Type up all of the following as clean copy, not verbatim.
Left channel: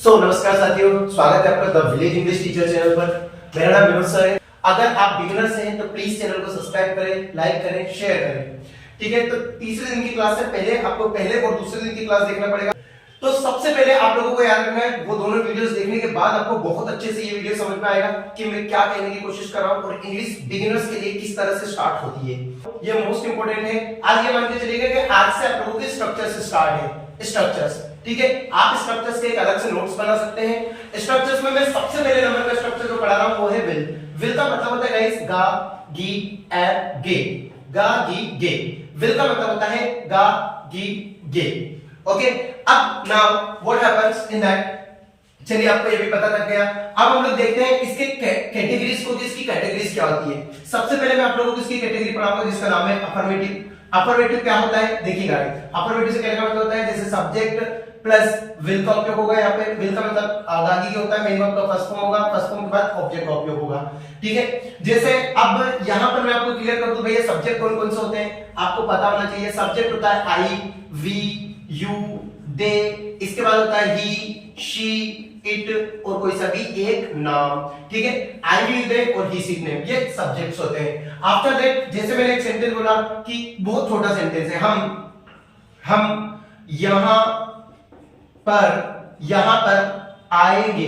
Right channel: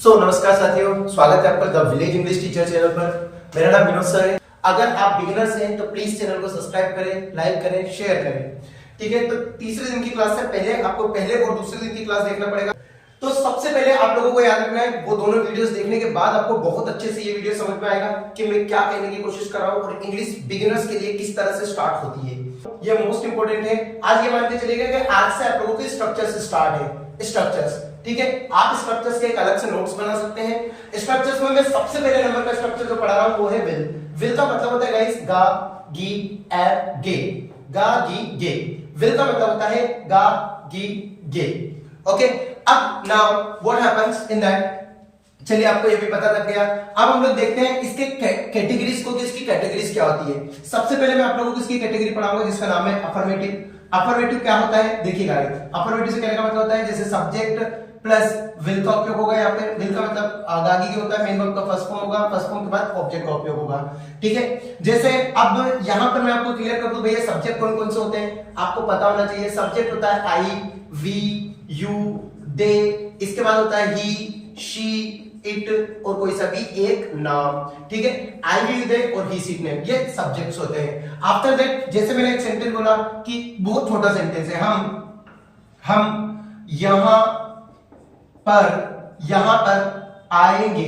नमस्कार साथियों, स्वागत है आपका the village English teacher channel पर। मेरा नाम विनोद सर है। अगर आप बिगिनर्स हैं तो प्लीज चैनल को सब्सक्राइब करें, लाइक करें, शेयर करें। ठीक है, तो तीसरे दिन की क्लास से पहले आपको पहले और दूसरे दिन की क्लास देखना पड़ेगा। तो सबसे पहले आप लोगों को याद रखना है, वो दोनों वीडियोस देखने के बाद आपको बहुत अच्छे से ये वीडियो समझ में आएगा कि मैं क्या कहने की कोशिश कर रहा हूँ और इंग्लिश बिगिनर्स के लिए किस तरह से स्टार्ट होती है। ये मोस्ट इंपोर्टेंट है। आज ये मान के चलिएगा कि आज से आप लोगों के स्ट्रक्चर से स्टार्ट है। स्ट्रक्चर्स, ठीक है, आप स्ट्रक्चर्स के एक अलग से नोट्स बना सकते हैं। स्ट्रक्चर्स में मैं सबसे पहले नंबर का स्ट्रक्चर जो पढ़ा रहा हूं वो है विल। विल का मतलब होता है गाइस गा गी ए गे। गा गी गे, विल का मतलब होता है गा गी गे। ओके, अब now what happens in that, चलिए आपको ये भी पता लग गया। अब हम लोग देखते हैं इसके कैटेगरीज को कि इसकी कैटेगरीज क्या होती है। सबसे पहले मैं आप लोगों को इसकी कैटेगरी पढ़ाऊंगा जिसका नाम है अफर्मेटिव। अफर्मेटिव क्या होता है देखिएगा, अफर्मेटिव से क्या मतलब होता है, जैसे सब्जेक्ट प्लस विल का उपयोग होगा। यहाँ पे विल का मतलब आगागी होता है, मेन वर्ब का फर्स्ट फॉर्म होगा, फर्स्ट फॉर्म के बाद ऑब्जेक्ट का उपयोग होगा। ठीक है, जैसे अब यहाँ पर मैं आपको क्लियर कर दूं भैया सब्जेक्ट कौन कौन से होते हैं, आपको पता होना चाहिए। सब्जेक्ट होता है आई, वी, यू, दे, इसके बाद होता है ही, शी, इट और कोई सा भी एक नाम। ठीक है, आई, वी, दे और ही, सी, नेम, ये सब्जेक्ट्स होते हैं। आफ्टर दैट जैसे मैंने एक सेंटेंस बोला कि बहुत छोटा सेंटेंस है, हम यहां पर आएंगे,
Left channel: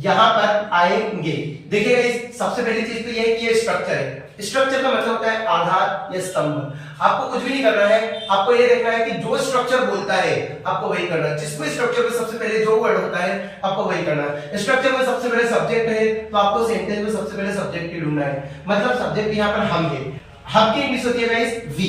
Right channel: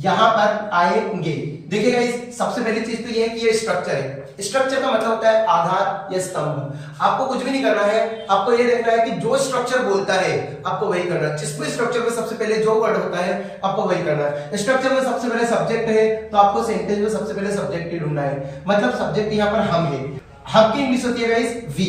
यहां पर आएंगे। देखिएगा इस सबसे पहली चीज तो ये है कि ये स्ट्रक्चर है। स्ट्रक्चर का मतलब होता है आधार या स्तंभ। आपको कुछ भी नहीं करना है, आपको ये देखना है कि जो स्ट्रक्चर बोलता है आपको वही करना है। जिसको स्ट्रक्चर में सबसे पहले जो वर्ड होता है आपको वही करना है। स्ट्रक्चर में सबसे पहले सब्जेक्ट है तो आपको सेंटेंस में सबसे पहले सब्जेक्ट ही ढूंढना है। मतलब सब्जेक्ट यहाँ पर हम है, हम की इंग्लिश होती है गाइस वी,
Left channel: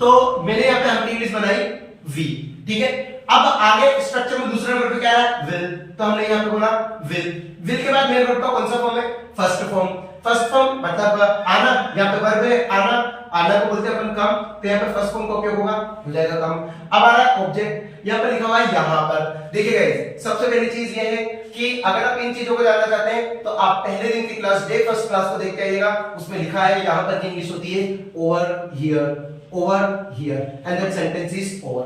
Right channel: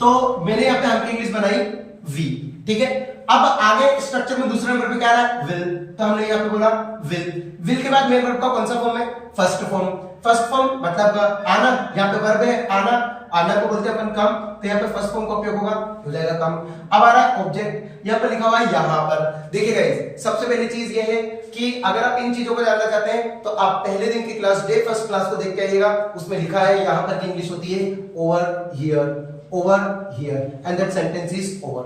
तो मैंने यहाँ पे हम की इंग्लिश बनाई वी। ठीक है, अब आगे स्ट्रक्चर में दूसरे नंबर पे क्या है विल, तो हमने यहाँ पे बोला विल। विल के बाद मेन वर्ब का कौन सा फॉर्म है, फर्स्ट फॉर्म। फर्स्ट फॉर्म मतलब आना, यहाँ पे वर्ब है आना, आना को बोलते हैं अपन कम, तो यहाँ पे फर्स्ट फॉर्म का उपयोग होगा, हो जाएगा कम। अब आ रहा है ऑब्जेक्ट, यहाँ पे लिखा हुआ है यहाँ पर। देखिए गाइस सबसे पहली चीज ये है कि अगर आप इन चीजों को जानना चाहते हैं तो आप पहले दिन की क्लास डे फर्स्ट क्लास को देख के आइएगा। उसमें लिखा है यहाँ पर की इंग्लिश होती है over here, over here and that sentence is over।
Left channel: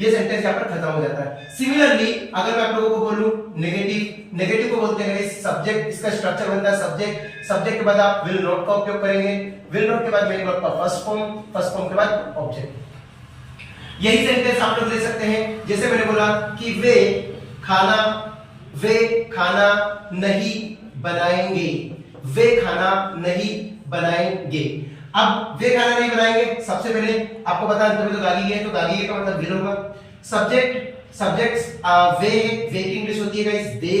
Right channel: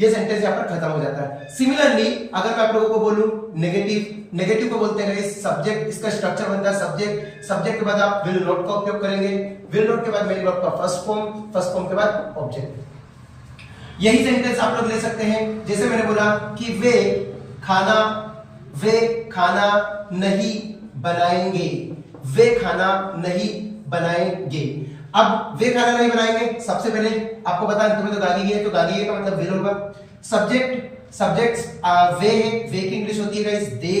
ये सेंटेंस यहाँ पर खत्म हो जाता है। सिमिलरली अगर मैं आप लोगों को बोलूं नेगेटिव, नेगेटिव को बोलते हैं इस सब्जेक्ट, इसका स्ट्रक्चर बनता है सब्जेक्ट, सब्जेक्ट के बाद आप विल नॉट का उपयोग करेंगे, विल नॉट के बाद मेन वर्ब का फर्स्ट फॉर्म, फर्स्ट फॉर्म के बाद ऑब्जेक्ट। यही सेंटेंस आप लोग ले सकते हैं, जैसे मैंने बोला कि वे खाना नहीं बनाएंगे, वे खाना नहीं बनाएंगे। अब वे खाना नहीं बनाएंगे, सबसे पहले आपको पता है तो गागी है, तो गागी है का मतलब विल होगा। सब्जेक्ट्स वे है, वे की इंग्लिश होती है गाइस दे।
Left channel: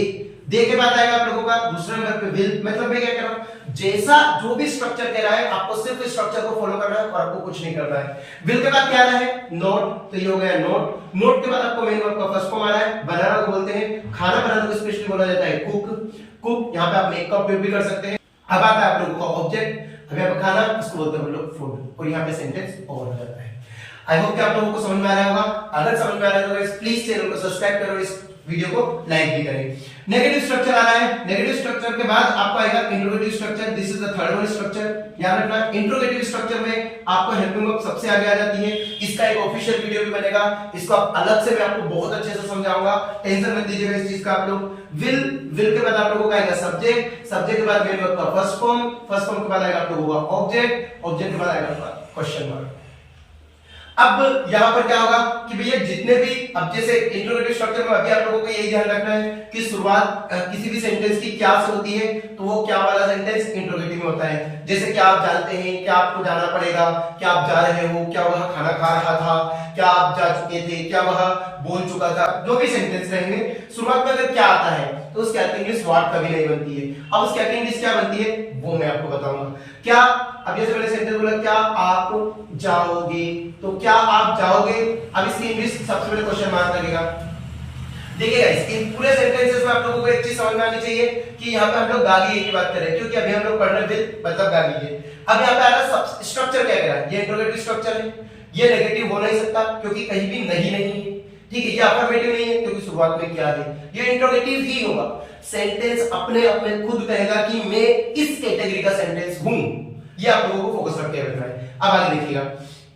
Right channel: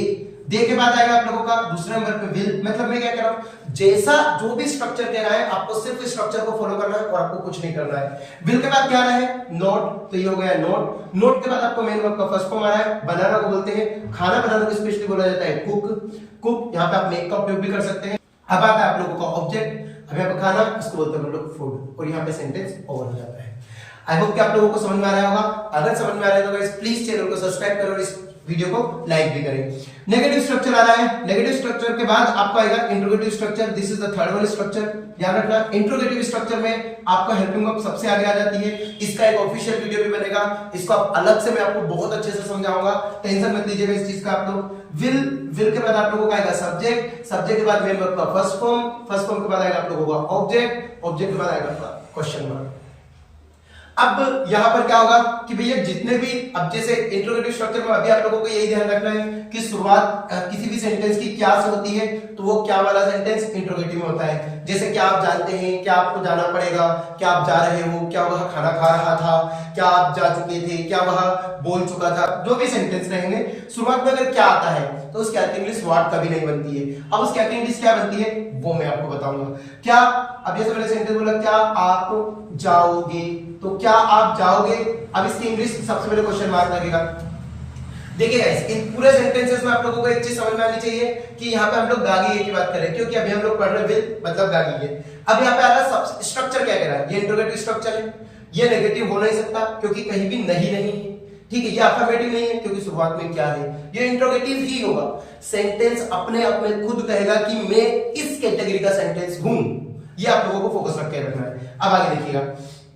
दे के बाद आएगा आप लोगों का दूसरे नंबर पे विल। मतलब मैं क्या कह रहा हूं, जैसा जो भी स्ट्रक्चर कह रहा है आपको सिर्फ इस स्ट्रक्चर को फॉलो करना है और आपको कुछ नहीं करना है। विल के बाद क्या आ रहा है नोट, तो ये हो गया नोट। नोट के बाद आपको मेन वर्ब का फर्स्ट फॉर्म आ रहा है, बनाना को बोलते हैं, खाना बनाने को स्पेशली बोला जाता है कुक। कुक यहाँ पे आप मेक का उपयोग भी कर सकते हैं। अब आता है आप लोगों का ऑब्जेक्ट, अब यहाँ पे खाना इसको बोलते हैं हम लोग फूड, और यहाँ पे सेंटेंस ओवर हो जाता है। आई होप कि आप लोगों को समझ में आ रहा होगा। अगर समझ में आ रहा है तो गाइस प्लीज चैनल को सब्सक्राइब करो और इस वीडियो को लाइक भी करें। नेगेटिव स्ट्रक्चर आ रहा है, नेगेटिव स्ट्रक्चर के बाद आपको आएगा interrogative structure. This is the third one structure. याद रखना इंट्रोगेटिव स्ट्रक्चर में आपको हेल्पिंग वर्ब सबसे आगे आ जाती है। इसका एक ऑफिशियल वीडियो भी बनेगा, इसको अलग से मैं आपको बहुत अच्छे से समझाऊंगा, टेंशन मत लीजिएगा इस चीज का। आप लोग विल के बाद आप लोगों का आएगा सब्जेक्ट, सब्जेक्ट के बाद मेन वर्ब का फर्स्ट फॉर्म, फर्स्ट फॉर्म के बाद आएगा आप लोगों का ऑब्जेक्ट, ऑब्जेक्ट के बाद आएगा आपका क्वेश्चन मार्क। अब यहां पर क्या होगा कि भैया जितने भी, अब जैसे इंट्रोगेटिव स्ट्रक्चर में अभी आप लोगों को यही ध्यान रखना है कि शुरुआत किसी भी सेंटेंस की क्या से होती है, तो वो क्या वाला सेंटेंस इंट्रोगेटिव में होता है। जैसे क्या आप जानते हैं, क्या आपको जाना पड़ेगा, क्या आप जा रहे हो, क्या वह खाना खा रहा था, क्या आप जा चुके थे, क्या वह बोल चुका था, जो भी सेंटेंस रहेंगे शुरुआत में अगर क्या आता है तो उसकी इंग्लिश व्हाट कभी नहीं बनती है। अब उसकी इंग्लिश क्या बनती है वो मैं आपको बताऊंगा। क्या, अब जैसे मैंने सेंटेंस बोला क्या आप जाओगे, तो क्या आप जाओगे, अब इसकी इंग्लिश सबसे पहले क्वेश्चन मार्क लगेगा। देखिए गाइस इन पूरे सेंटेंसेस में आप लोगों को एक चीज समझ में आनी चाहिए कि यहाँ पे हम लोग गागी की बात करें, क्योंकि अभी हम लोग पढ़ रहे विल मतलब गागी है। अब यहाँ पे आ रहा स्ट्रक्चर क्या कह रहा है, ये इंट्रोगेटिव स्ट्रक्चर है, ये नेगेटिव हो नहीं सकता क्योंकि कहीं भी नहीं है। ठीक है, ये अफर्मेटिव नहीं है क्योंकि शुरुआत में क्या है, ये इंट्रोगेटिव ही होगा। सेंटेंस अपने अपने खुद कहेगा कि मैं इस कैटेगरी का सेंटेंस हूं, ये आप लोगों को फोकस करके रखना है। अब आगे देखिएगा,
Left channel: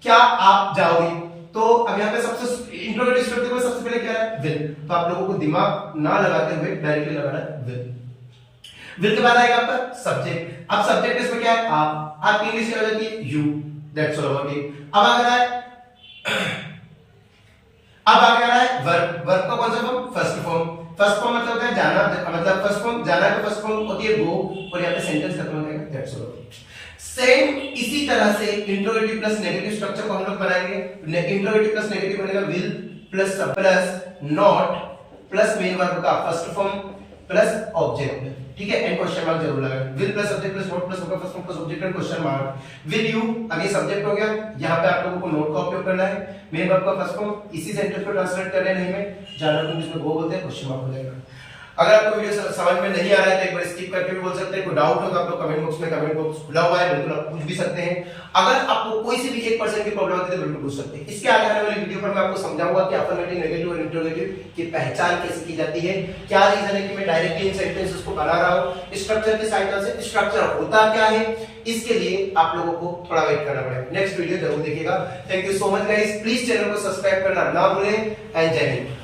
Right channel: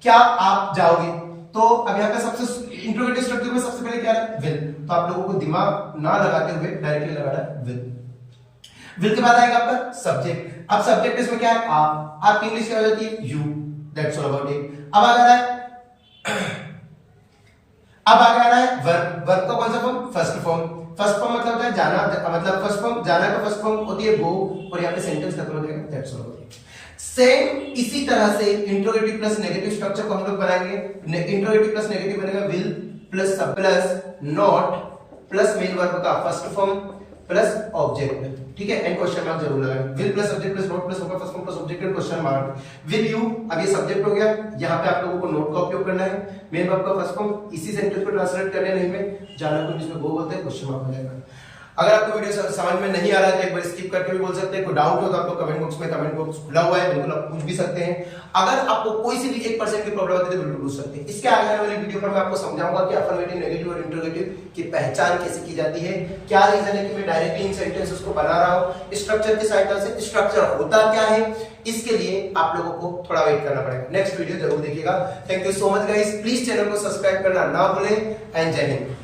क्या आप जाओगे, तो अब यहाँ पे सबसे इंट्रोगेटिव स्ट्रक्चर में सबसे पहले क्या है, विल। तो आप लोगों को दिमाग ना लगाते हुए डायरेक्टली लगाना है विल। विल के बाद आएगा आपका सब्जेक्ट। अब सब्जेक्ट इसमें क्या है, आप की इंग्लिश क्या हो जाती है, you, that's all about it. अब आगे आ रहा है वर्ब। वर्ब का कौन सा form, first form. First form मतलब होता है जाना, मतलब फर्स्ट फॉर्म जाना का फर्स्ट फॉर्म होती है गो, और यहाँ पे सेंटेंस खत्म हो जाएगा, दैट्स ऑल। सेम इसी तरह से इंट्रोगेटिव प्लस नेगेटिव स्ट्रक्चर को हम लोग बनाएंगे। इंट्रोगेटिव प्लस नेगेटिव बनेगा विल प्लस सब plus not plus main verb का फर्स्ट फॉर्म प्लस ऑब्जेक्ट, ठीक है, एंड क्वेश्चन मार्क जरूर लगाएं। Will plus subject plus note plus verb first form plus object and question mark. Will you, अब ये subject हो गया, यहाँ पे आप लोगों को नोट का उपयोग करना है। मेन वर्ब का फर्स्ट फॉर्म इसी सेंटेंस को ट्रांसलेट कर रहे हैं, नहीं में जाना को जिसमें गो बोलते हैं, क्वेश्चन मार्क हो जाएगा। अगर आपको वीडियो समझ में नहीं आ रहा है तो एक बार स्किप करके भी बोल सकते हैं। कोई डाउट हो तो आप लोग कमेंट बॉक्स में, कमेंट बॉक्स खुला हुआ है, बिल्कुल आप पूछ भी सकते हैं। अगर आपको कोई सी भी 1% की प्रॉब्लम होती है तो बिल्कुल पूछ सकते हैं। इसके आगे आने वाली वीडियो पर मैं आपको समझाऊंगा कि अफर्मेटिव, नेगेटिव और इंट्रोगेटिव की पहचान कैसे की जाती है, क्या रीजन है कि मैं डायरेक्टली इन सेंटेंसेस को बना रहा हूं स्ट्रक्चर के सहायता से, स्ट्रक्चर होता क्या है, इसके लिए आप लोगों को थोड़ा वेट करना पड़ेगा। नेक्स्ट वीडियो जरूर देखिएगा। Thank you so much guys, please channel को सब्सक्राइब करना ना भूलें, एंड जय हिंद।